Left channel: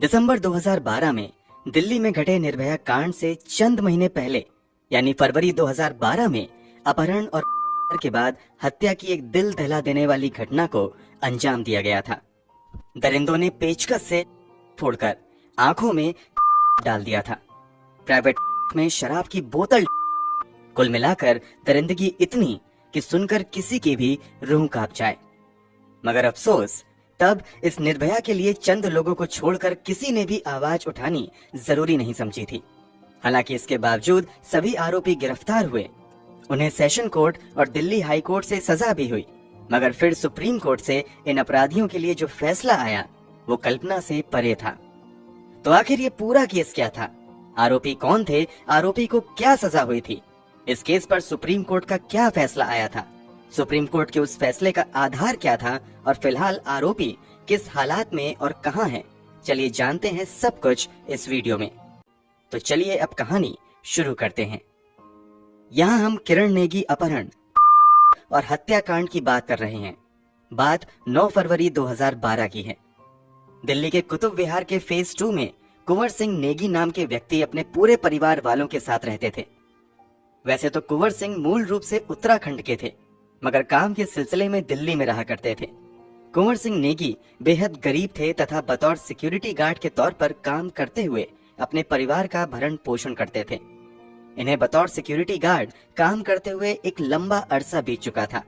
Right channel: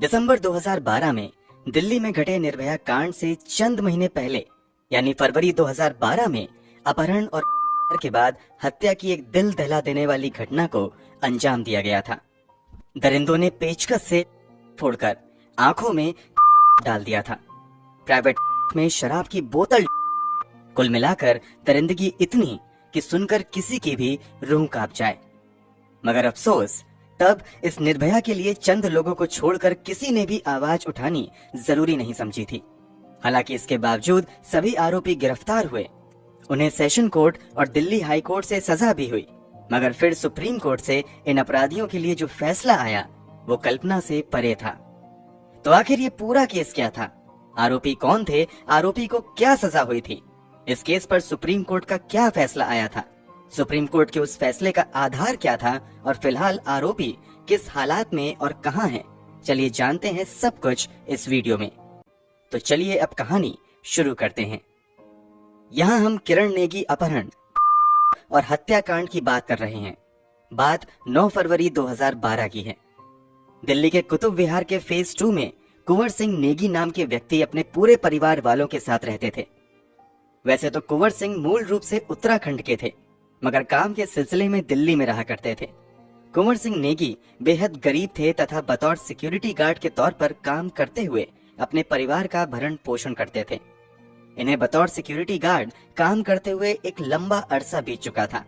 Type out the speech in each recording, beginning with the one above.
दिसंबर 2012 में दिल्ली में घटे निर्भया कांड से चंद महीने पहले यानी फरवरी 2012 में अपहरण और के बाद हत्या की एक दिल दहला देने वाली घटना को अंजाम दिया गया था। दरिंदों ने पेचकस से फोड़कर आंखों में डाल दिया था। प्राइवेट में शराब की बोतल। कुल मिलाकर दरिंदगी इतनी कि सुनकर किसी की भी रूह कांप जाए। मगर अफसोस, तब इस निर्भया के लिए चंद लोगों को छोड़कर किसी ने भी आवाज उठानी जरूरी नहीं समझी थी। हालांकि इसके बावजूद सभी आरोपी गिरफ्तार हुए, उन्हें सेशन कोर्ट और दिल्ली हाई कोर्ट से सजा भी हुई, मगर फिर सुप्रीम कोर्ट से इन अपराधियों के लिए जो फैसला आया वो कल्पना से परे था। तो आखिर ये पूरा केस क्या था? आरोपी कौन थे? आरोपी को क्या सजा हुई थी? इस केस पर सुप्रीम कोर्ट का क्या फैसला आया था? सुप्रीम कोर्ट के उस फैसले का आधार क्या था? और फिलहाल आरोपी किस हालात में और कहां है? चलिए जानते हैं सब कुछ इस वीडियो में। तो चलिए अब कहानी शुरू करते हैं। यहाँ हम किरण नेगी अपहरण और हत्याकांड की बात कर रहे हैं। बात 9 फरवरी 2012 की है। दिल्ली के कुतुब विहार के फेज 2 में कुंवर सिंह नेगी नाम के व्यक्ति अपने पूरे परिवार वालों के साथ रहते थे। वैसे तो कुंवर सिंह मूल रूप से उत्तराखंड के थे, मगर काम के सिलसिले में दिल्ली में रहा करते थे। कुंवर सिंह नेगी बेहद गरीब थे तथा बतौर सिक्योरिटी गार्ड के तौर पर काम करते हुए अपने परिवार का भरण पोषण करते थे। इन्हें बतौर सिक्योरिटी गार्ड काम करते हुए एक लंबा अरसा बीत चुका था,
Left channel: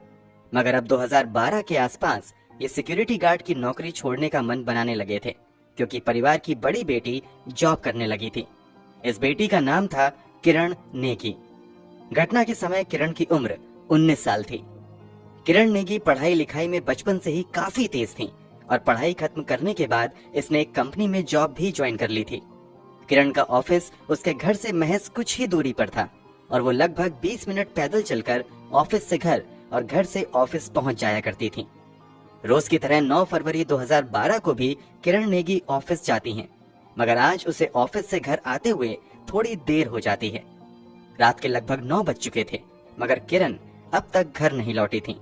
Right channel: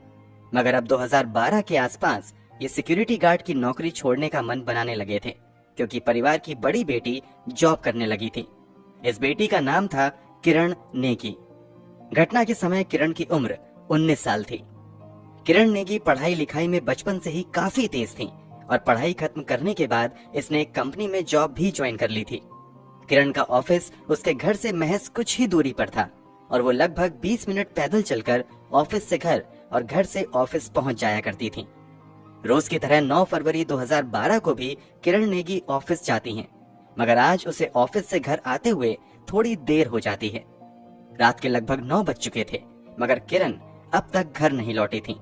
मगर अब 2012 के आसपास ये सिक्योरिटी गार्ड की नौकरी छोड़ने का मन बनाने लगे थे, क्योंकि परिवार की बड़ी बेटी जॉब करने लगी थी। इस बेटी का नाम था किरण नेगी। घटना के समय किरण की उम्र 19 साल थी। किरण नेगी पढ़ाई लिखाई में बचपन से ही काफी तेज थी और पढ़ाई खत्म करने के बाद इसने एक कंपनी में जॉब भी ज्वाइन कर ली थी। किरण का ऑफिस उसके घर से महज कुछ ही दूरी पर था और वो लगभग 20 मिनट पैदल चलकर ऑफिस से घर और घर से ऑफिस पहुंच जाया करती थी। रोज की तरह 9 फरवरी 2012 को भी किरण नेगी ऑफिस जाती हैं, मगर आज उसे ऑफिस से घर आते हुए थोड़ी देर हो जाती है। रात के लगभग 9 बज चुके थे, मगर किरण अब तक घर नहीं लौटी थी।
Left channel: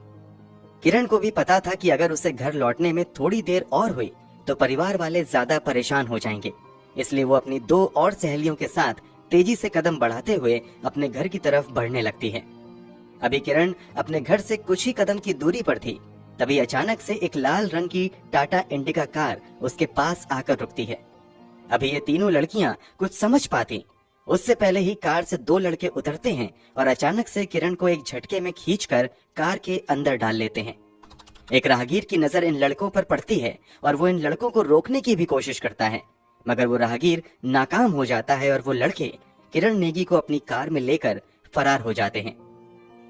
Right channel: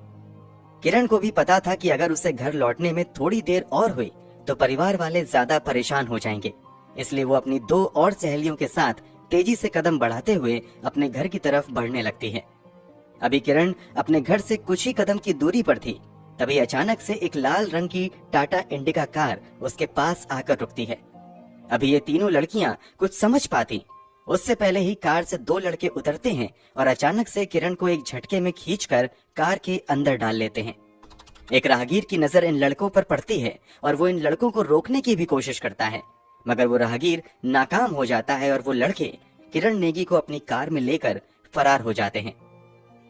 किरण को भी पता था कि अगर उसे घर लौटने में थोड़ी देर और हुई तो परिवार वाले ज्यादा परेशान हो जाएंगे, इसलिए वो अपनी 2 और सहेलियों के साथ तेजी से कदम बढ़ाते हुए अपने घर की तरफ बढ़ने लगती है। अभी किरण अपने घर से कुछ ही कदम की दूरी पर थी, तभी अचानक से एक लाल रंग की टाटा इंडिका कार उसके पास आकर रुकती है। अभी ये तीनों लड़कियां कुछ समझ पाती उससे पहले ही कार से 2 लड़के उतरते हैं और अचानक से किरण को एक झटके में खींचकर कार के अंदर डाल लेते हैं। एक राहगीर की नजर इन लड़कों पर पड़ती है और वो इन लड़कों को रोकने की भी कोशिश करता है, मगर वो राहगीर नाकाम हो जाता है और वो लड़के किरण नेगी को अपनी कार में लेकर फरार हो जाते हैं।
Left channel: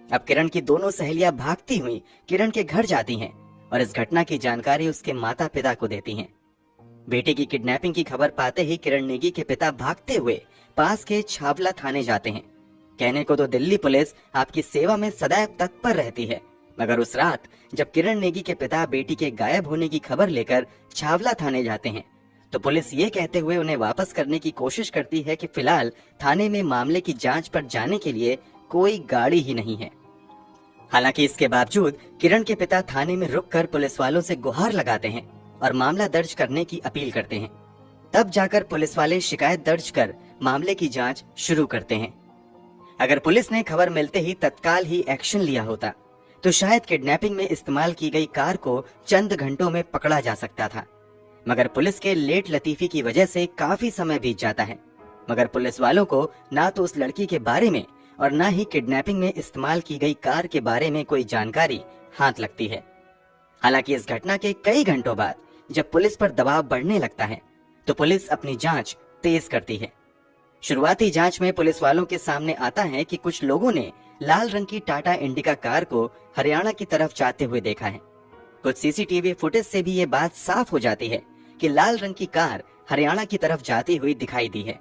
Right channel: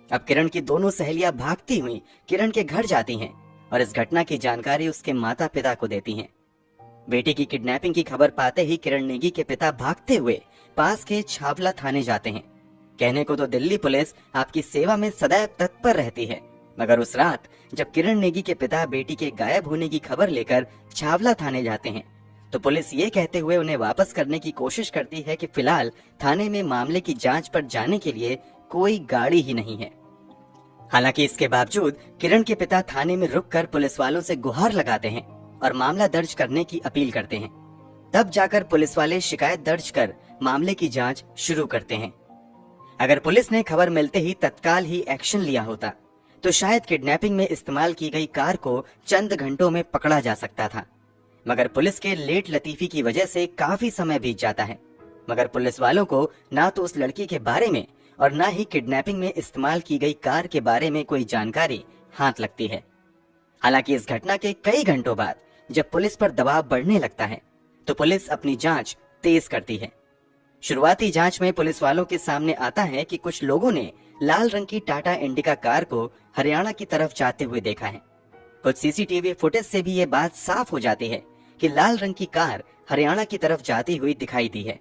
अब किरण की दोनों सहेलियां भागती हुई किरण के घर जाती हैं और इस घटना की जानकारी उसके माता पिता को देती हैं। बेटी की किडनैपिंग की खबर पाते ही किरण नेगी के पिता भागते हुए पास के छावला थाने जाते हैं। कहने को तो दिल्ली पुलिस आपकी सेवा में सदैव तत्पर रहती है, मगर उस रात जब किरण नेगी के पिता बेटी के गायब होने की खबर लेकर छावला थाने जाते हैं तो पुलिस ये कहते हुए उन्हें वापस करने की कोशिश करती है कि फिलहाल थाने में मामले की जांच पर जाने के लिए कोई गाड़ी ही नहीं है। हालांकि इसके बावजूद किरण के पिता थाने में रुककर पुलिस वालों से गुहार लगाते हैं और मामला दर्ज करने की अपील करते हैं। तब जाकर पुलिस वाले शिकायत दर्ज कर मामले की जांच शुरू करते हैं। अगर पुलिस ने खबर मिलते ही तत्काल ही एक्शन लिया होता तो शायद किडनैपिंग में इस्तेमाल की गई कार को चंद घंटों में पकड़ा जा सकता था, मगर पुलिस के लेट लतीफी की वजह से काफी समय बीत जाता है। मगर पुलिस वालों को ना तो उस लड़की के बारे में और ना ही किडनैपिंग में इस्तेमाल की गई कार के बारे में कोई जानकारी हाथ लगती है। हालांकि इस घटना के कई घंटों बाद जब पुलिस पर दबाव बढ़ने लगता है तो पुलिस अपनी जांच तेज करती है। शुरुआती जांच में पुलिस वालों के सामने आता है कि कुछ लोगों ने लाल रंग की टाटा इंडिका कार को हरियाणा की तरफ जाते हुए देखा है। कुछ सीसीटीवी फुटेज से भी ये बात साफ हो जाती है कि लाल रंग की कार हरियाणा की तरफ जाती हुई दिखाई दी है।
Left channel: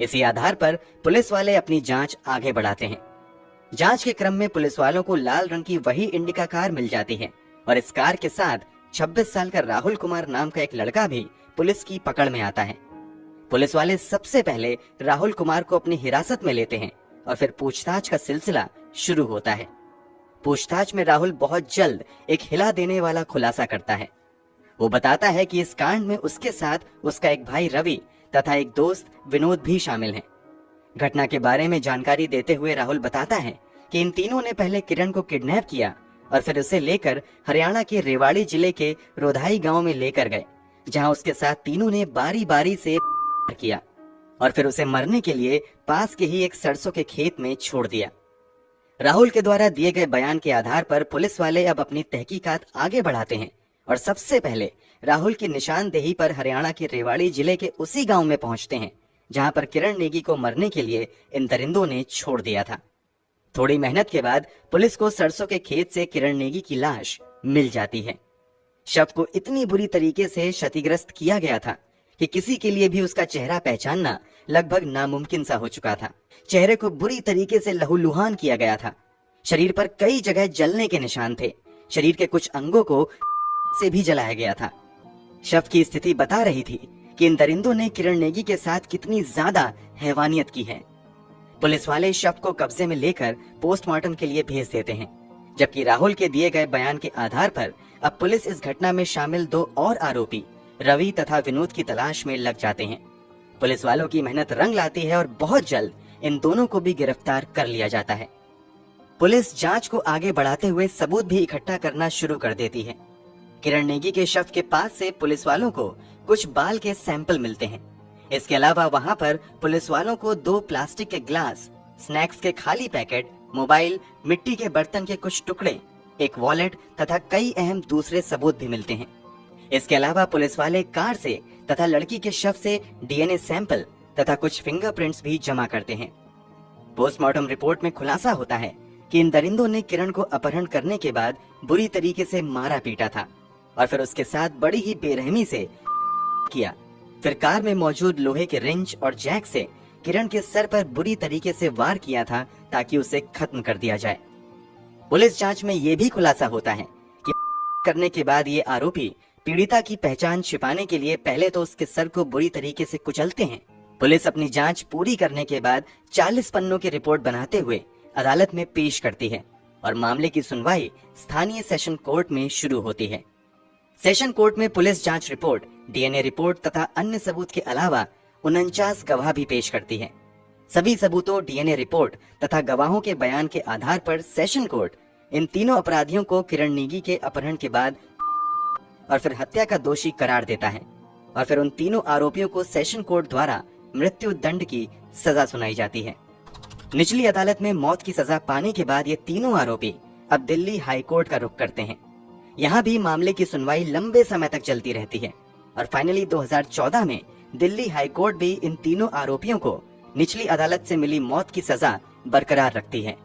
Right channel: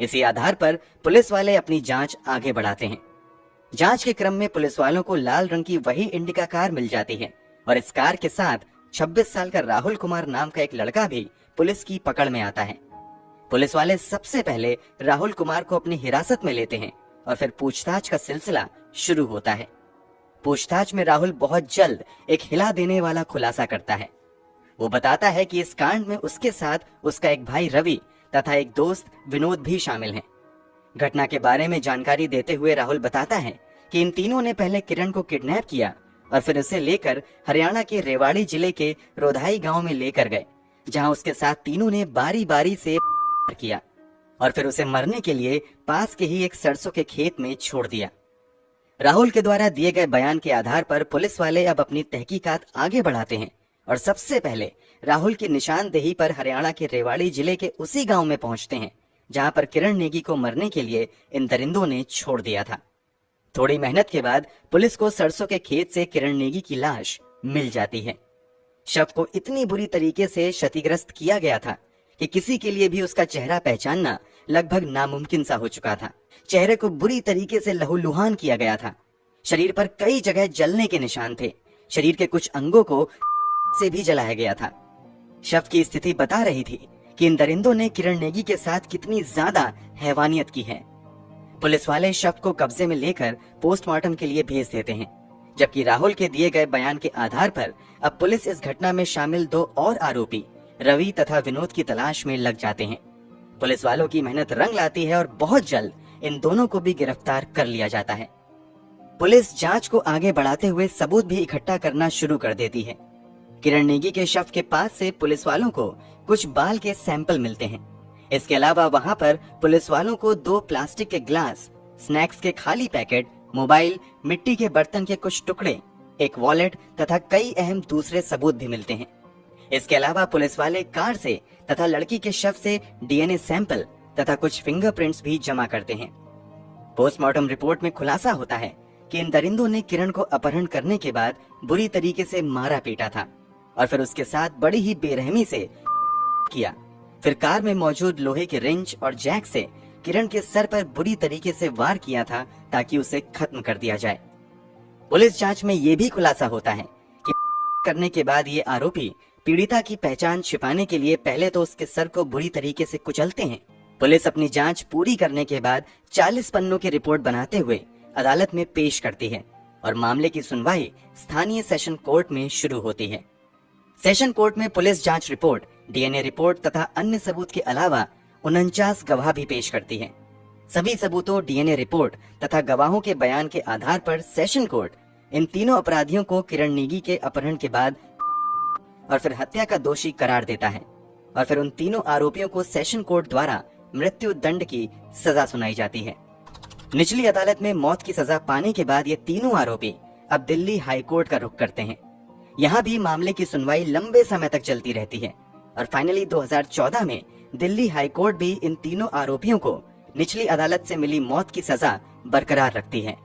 इसी आधार पर पुलिस वाले अपनी जांच आगे बढ़ाते हैं। जांच के क्रम में पुलिस वालों को लाल रंग की वही इंडिका कार मिल जाती है और इस कार के साथ 26 साल का राहुल कुमार नाम का एक लड़का भी पुलिस की पकड़ में आता है। पुलिस वाले सबसे पहले राहुल कुमार को अपनी हिरासत में लेते हैं और फिर पूछताछ का सिलसिला शुरू होता है। पूछताछ में राहुल बहुत जल्द एक हिला देने वाला खुलासा करता है। वो बताता है कि इस कांड में उसके साथ उसका एक भाई रवि तथा एक दोस्त विनोद भी शामिल हैं। घटना के बारे में जानकारी देते हुए राहुल बताता है कि इन तीनों ने पहले किरण को किडनैप किया और फिर उसे लेकर हरियाणा के रेवाड़ी जिले के रोधाई गांव में लेकर गए, जहां उसके साथ तीनों ने बारी बारी से किया और फिर उसे मरने के लिए पास के ही एक सरसों के खेत में छोड़ दिया। राहुल के द्वारा दिए गए बयान के आधार पर पुलिस वाले अब अपनी तहकीकात आगे बढ़ाते हैं और सबसे पहले राहुल की निशानदेही पर हरियाणा के रेवाड़ी जिले के उसी गांव में पहुंचते हैं जहां पर किरण नेगी को मरने के लिए इन दरिंदों ने छोड़ दिया था। थोड़ी मेहनत के बाद पुलिस को सरसों के खेत से किरण नेगी की लाश मिल जाती है। शव को इतनी बुरी तरीके से क्षतिग्रस्त किया गया था कि किसी के लिए भी उसका चेहरा पहचानना लगभग नामुमकिन सा हो चुका था। चेहरे को बुरी तरीके से लहूलुहान किया गया था। शरीर पर कई जगह जलने के निशान थे। शरीर के कुछ अंगों को से भी जलाया गया था। शव की स्थिति बता रही थी कि इन दरिंदों ने किरण नेगी के साथ कितनी ज्यादा हैवानियत की है। पुलिस वाले शव को कब्जे में लेकर पोस्टमार्टम के लिए भेज देते हैं, जबकि राहुल के दिए गए बयान के आधार पर अब पुलिस इस घटना में शामिल 2 और आरोपी रवि तथा विनोद की तलाश में लग जाते हैं। पुलिस वालों की मेहनत रंग लाती है और बहुत जल्द इन दोनों को भी गिरफ्तार कर लिया जाता है। पुलिस जांच को आगे बढ़ाते हुए सबूत भी इकट्ठा करना शुरू कर देती है। किरण नेगी के शव के पास से पुलिस वालों को कुछ बाल के सैंपल मिलते हैं। इसके अलावा वहां पर पुलिस वालों को 2 प्लास्टिक के ग्लास, स्नैक्स के खाली पैकेट, मोबाइल, मिट्टी के बर्तन के कुछ टुकड़े, एक वॉलेट तथा कई अहम दूसरे सबूत भी मिलते हैं। इसके अलावा पुलिस वाले कार से तथा लड़की के शव से डीएनए सैंपल तथा कुछ फिंगरप्रिंट्स भी जमा करते हैं। पोस्टमार्टम रिपोर्ट में खुलासा होता है कि इन दरिंदों ने किरण को अपहरण करने के बाद बुरी तरीके से मारा पीटा था और फिर उसके साथ बड़ी ही बेरहमी से किया। फिर कार में मौजूद लोहे के रिंच और जैक से किरण के सर पर बुरी तरीके से वार किया था ताकि उसे खत्म कर दिया जाए। पुलिस जांच में यह भी खुलासा होता है कि करने के बाद ये आरोपी पीड़िता की पहचान छिपाने के लिए पहले तो उसके सर को बुरी तरीके से कुचलते हैं। पुलिस अपनी जांच पूरी करने के बाद 40 पन्नों की रिपोर्ट बनाते हुए अदालत में पेश करती है और मामले की सुनवाई स्थानीय सेशन कोर्ट में शुरू होती है। सेशन कोर्ट में पुलिस जांच रिपोर्ट, डीएनए रिपोर्ट तथा अन्य सबूत के अलावा 49 गवाह भी पेश करती है। सभी सबूतों, डीएनए रिपोर्ट तथा गवाहों के बयान के आधार पर सेशन कोर्ट इन तीनों अपराधियों को किरण नेगी के अपहरण के बाद और फिर हत्या का दोषी करार देता है और फिर उन तीनों आरोपियों को सेशन कोर्ट द्वारा मृत्यु दंड की सजा सुनाई जाती है। निचली अदालत में मौत की सजा पाने के बाद ये तीनों आरोपी अब दिल्ली हाई कोर्ट का रुख करते हैं। यहाँ भी मामले की सुनवाई लंबे समय तक चलती रहती है और फाइनली 2014 में दिल्ली हाई कोर्ट भी इन तीनों आरोपियों को निचली अदालत से मिली मौत की सजा बरकरार रखती है।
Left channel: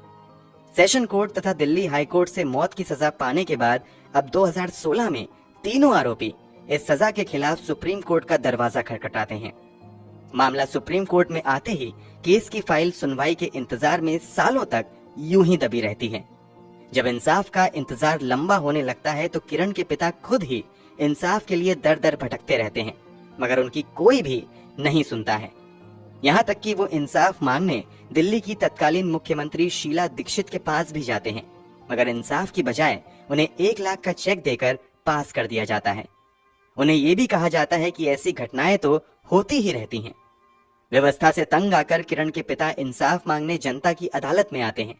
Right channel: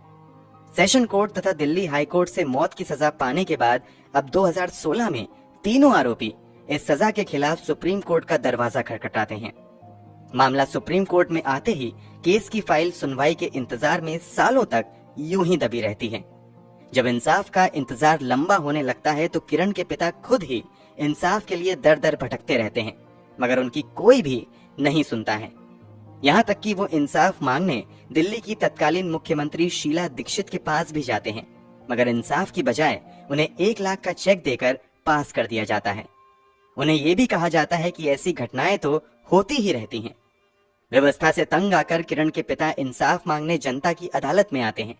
सेशन कोर्ट तथा दिल्ली हाई कोर्ट से मौत की सजा पाने के बाद अब 2016 में तीनों आरोपी इस सजा के खिलाफ सुप्रीम कोर्ट का दरवाजा खटखटाते हैं। मामला सुप्रीम कोर्ट में आते ही केस की फाइल सुनवाई के इंतजार में सालों तक यूं ही दबी रहती है। जब इंसाफ का इंतजार लंबा होने लगता है तो किरण के पिता खुद ही इंसाफ के लिए दर दर भटकते रहते हैं, मगर उनकी कोई भी नहीं सुनता है। यहाँ तक कि वो इंसाफ मांगने दिल्ली की तत्कालीन मुख्यमंत्री शीला दीक्षित के पास भी जाते हैं, मगर इंसाफ की बजाय उन्हें 1 लाख का चेक देकर पास कर दिया जाता है। उन्हें ये भी कहा जाता है कि ऐसी घटनाएं तो होती ही रहती हैं। व्यवस्था से तंग आकर किरण के पिता इंसाफ मांगने जनता की अदालत में आते हैं।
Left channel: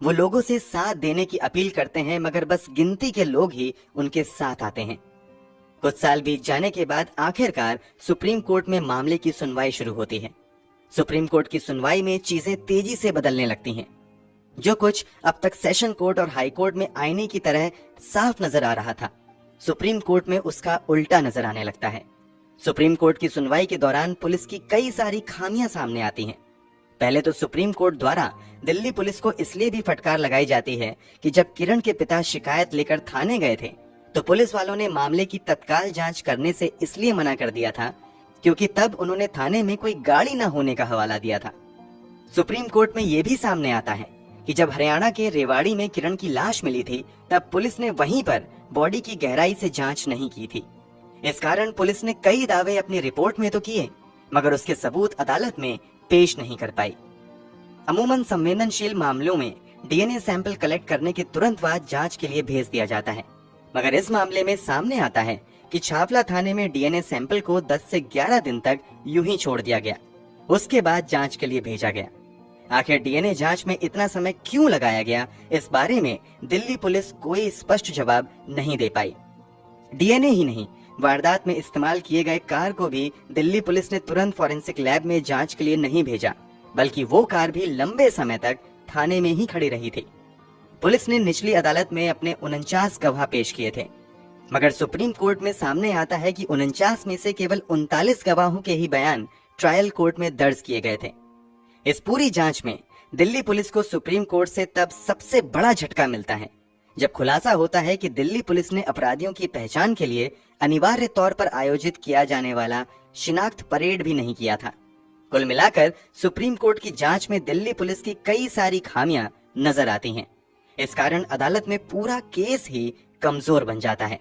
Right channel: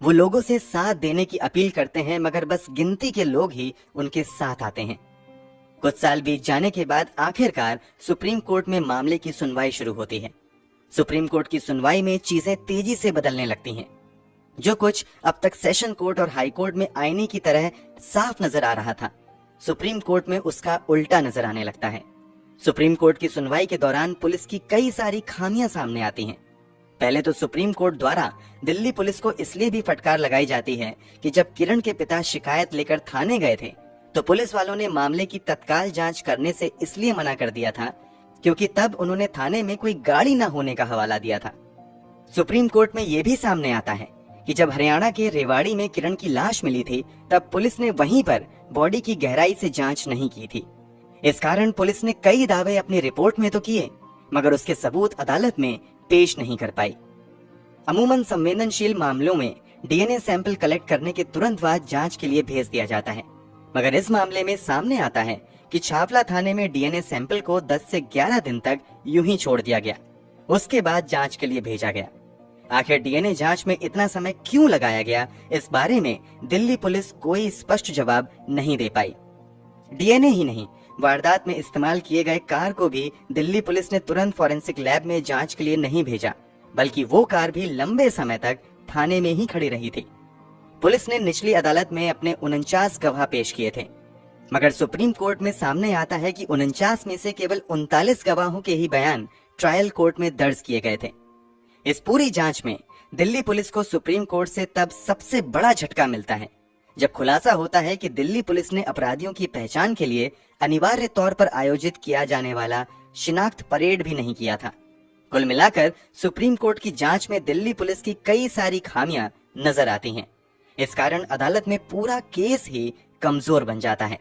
वो लोगों से साथ देने की अपील करते हैं, मगर बस गिनती के लोग ही उनके साथ आते हैं। कुछ साल बीत जाने के बाद आखिरकार सुप्रीम कोर्ट में मामले की सुनवाई शुरू होती है। सुप्रीम कोर्ट की सुनवाई में चीजें तेजी से बदलने लगती हैं। जो कुछ अब तक सेशन कोर्ट और हाई कोर्ट में आईने की तरह साफ नजर आ रहा था, सुप्रीम कोर्ट में उसका उल्टा नजर आने लगता है। सुप्रीम कोर्ट की सुनवाई के दौरान पुलिस की कई सारी खामियां सामने आती हैं। पहले तो सुप्रीम कोर्ट द्वारा दिल्ली पुलिस को इसलिए भी फटकार लगाई जाती है कि जब किरण के पिता शिकायत लेकर थाने गए थे तो पुलिस वालों ने मामले की तत्काल जांच करने से इसलिए मना कर दिया था क्योंकि तब उन्होंने थाने में कोई गाड़ी न होने का हवाला दिया था। सुप्रीम कोर्ट में यह भी सामने आता है कि जब हरियाणा के रेवाड़ी में किरण की लाश मिली थी तब पुलिस ने वहीं पर बॉडी की गहराई से जांच नहीं की थी। इस कारण पुलिस ने कई दावे अपनी रिपोर्ट में तो किए, मगर उसके सबूत अदालत में पेश नहीं कर पाई। अमूमन संवेदनशील मामलों में डीएनए सैंपल कलेक्ट करने के तुरंत बाद जांच के लिए भेज दिया जाता है, मगर इस मामले में सामने आता है कि छावला थाने में डीएनए सैंपल को 10 से 11 दिन तक यूं ही छोड़ दिया गया। उसके बाद जांच के लिए भेजा गया। आखिर डीएनए जांच में इतना समय क्यों लगाया गया, इस बारे में दिल्ली पुलिस कोई स्पष्ट जवाब नहीं दे पाई। डीएनए ही नहीं, वारदात में इस्तेमाल किए गए कार को भी दिल्ली पुलिस ने तुरंत फॉरेंसिक लैब में जांच के लिए नहीं भेजा, बल्कि वो कार भी लंबे समय तक थाने में ही खड़ी रही थी। पुलिस ने निचली अदालत में अपने 49 गवाह पेश किए थे, मगर सुप्रीम कोर्ट में सामने आता है कि 49 में से केवल 39 गवाहों के ही बयान ट्रायल कोर्ट में दर्ज किए गए थे। इस पूरी जांच में दिल्ली पुलिस को सुप्रीम कोर्ट से तब सबसे बड़ा झटका मिलता है जब खुलासा होता है कि दिल्ली पुलिस ने अपराधियों की पहचान के लिए अनिवार्य तौर पर आयोजित किया जाने वाला शिनाख्त परेड भी नहीं किया था। कुल मिलाकर सुप्रीम कोर्ट की जांच में दिल्ली पुलिस की कई सारी खामियां नजर आती हैं। इस कारण अदालत में पूरा केस ही कमजोर बन जाता है।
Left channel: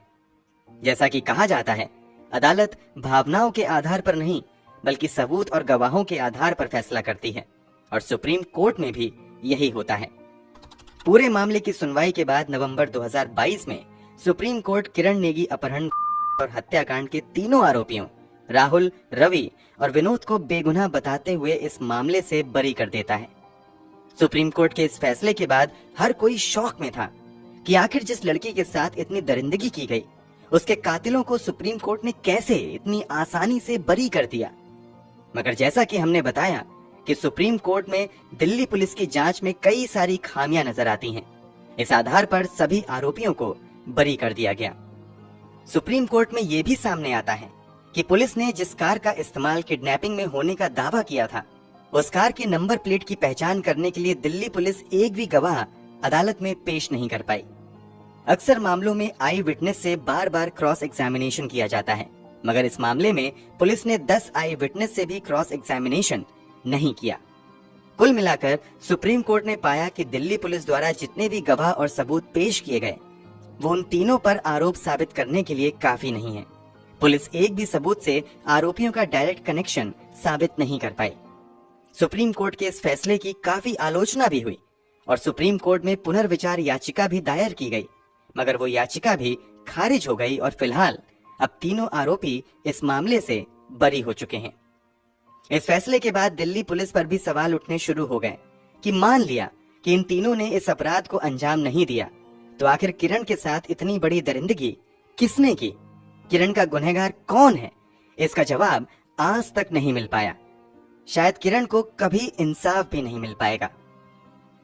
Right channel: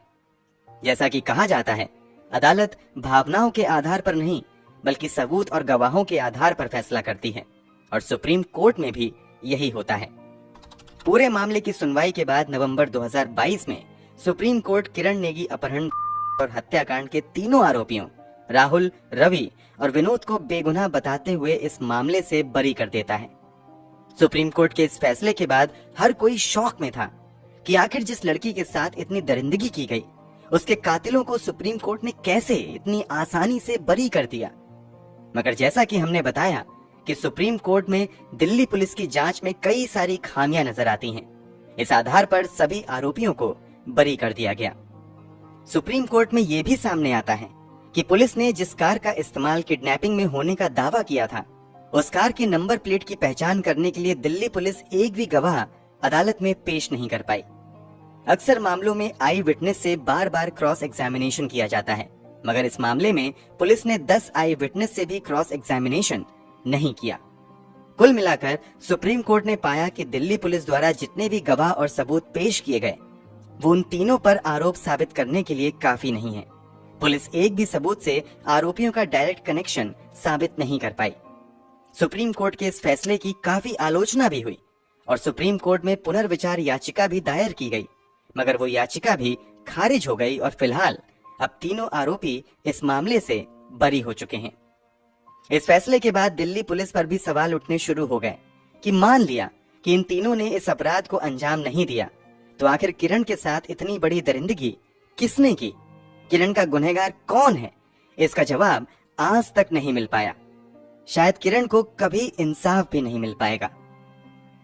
जैसा कि कहा जाता है, अदालत भावनाओं के आधार पर नहीं बल्कि सबूत और गवाहों के आधार पर फैसला करती है, और सुप्रीम कोर्ट में भी यही होता है। पूरे मामले की सुनवाई के बाद नवंबर 2022 में सुप्रीम कोर्ट किरण नेगी अपहरण और हत्याकांड के तीनों आरोपियों राहुल, रवि और विनोद को बेगुनाह बताते हुए इस मामले से बरी कर देता है। सुप्रीम कोर्ट के इस फैसले के बाद हर कोई शौक में था कि आखिर जिस लड़की के साथ इतनी दरिंदगी की गई, उसके कातिलों को सुप्रीम कोर्ट ने कैसे इतनी आसानी से बरी कर दिया। मगर जैसा कि हमने बताया कि सुप्रीम कोर्ट में दिल्ली पुलिस की जांच में कई सारी खामियां नजर आती हैं। इस आधार पर सभी आरोपियों को बरी कर दिया गया। सुप्रीम कोर्ट में यह भी सामने आता है कि पुलिस ने जिस कार का इस्तेमाल किडनैपिंग में होने का दावा किया था, उस कार की नंबर प्लेट की पहचान करने के लिए दिल्ली पुलिस एक भी गवाह अदालत में पेश नहीं कर पाई। अक्सर मामलों में आई विटनेस से बार बार क्रॉस एग्जामिनेशन किया जाता है, मगर इस मामले में पुलिस ने 10 आई विटनेस से भी क्रॉस एग्जामिनेशन नहीं किया। कुल मिलाकर सुप्रीम कोर्ट ने पाया कि दिल्ली पुलिस द्वारा जितने भी गवाह और सबूत पेश किए गए, वो उन तीनों पर आरोप साबित करने के लिए काफी नहीं है। पुलिस एक भी सबूत से आरोपियों का डायरेक्ट कनेक्शन साबित नहीं कर पाई। सुप्रीम कोर्ट के इस फैसले की काफी आलोचना भी हुई और सुप्रीम कोर्ट में पुनर्विचार याचिका भी दायर की गई, मगर वो याचिका भी खारिज हो गई और फिलहाल अब तीनों आरोपी इस मामले से बरी हो चुके हैं। इस फैसले के बाद दिल्ली पुलिस पर भी सवाल उठने शुरू हो गए कि मान लिया कि इन तीनों ने इस अपराध को अंजाम नहीं दिया, तो आखिर किरण के साथ इतनी बड़ी दरिंदगी किसने की? किरण का गुनहगार कौन है? इसका जवाब आज तक नहीं मिल पाया। शायद किरण को कभी इंसाफ भी नहीं मिल पाएगा।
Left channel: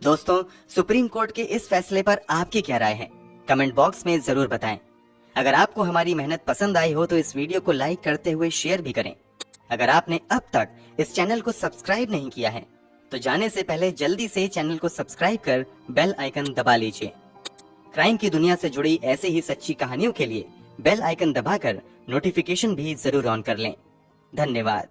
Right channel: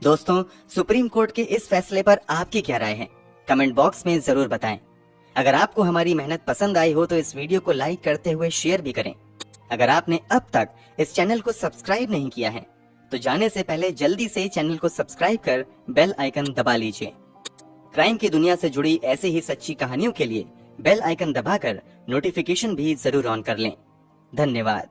दोस्तों, सुप्रीम कोर्ट के इस फैसले पर आपकी क्या राय है? कमेंट बॉक्स में जरूर बताएं। अगर आपको हमारी मेहनत पसंद आई हो तो इस वीडियो को लाइक करते हुए शेयर भी करें। अगर आपने अब तक इस चैनल को सब्सक्राइब नहीं किया है तो जाने से पहले जल्दी से चैनल को सब्सक्राइब कर बेल आइकन दबा लीजिए। क्राइम की दुनिया से जुड़ी ऐसे ही सच्ची कहानियों के लिए बेल आइकन दबाकर नोटिफिकेशन भी जरूर ऑन कर लें। धन्यवाद।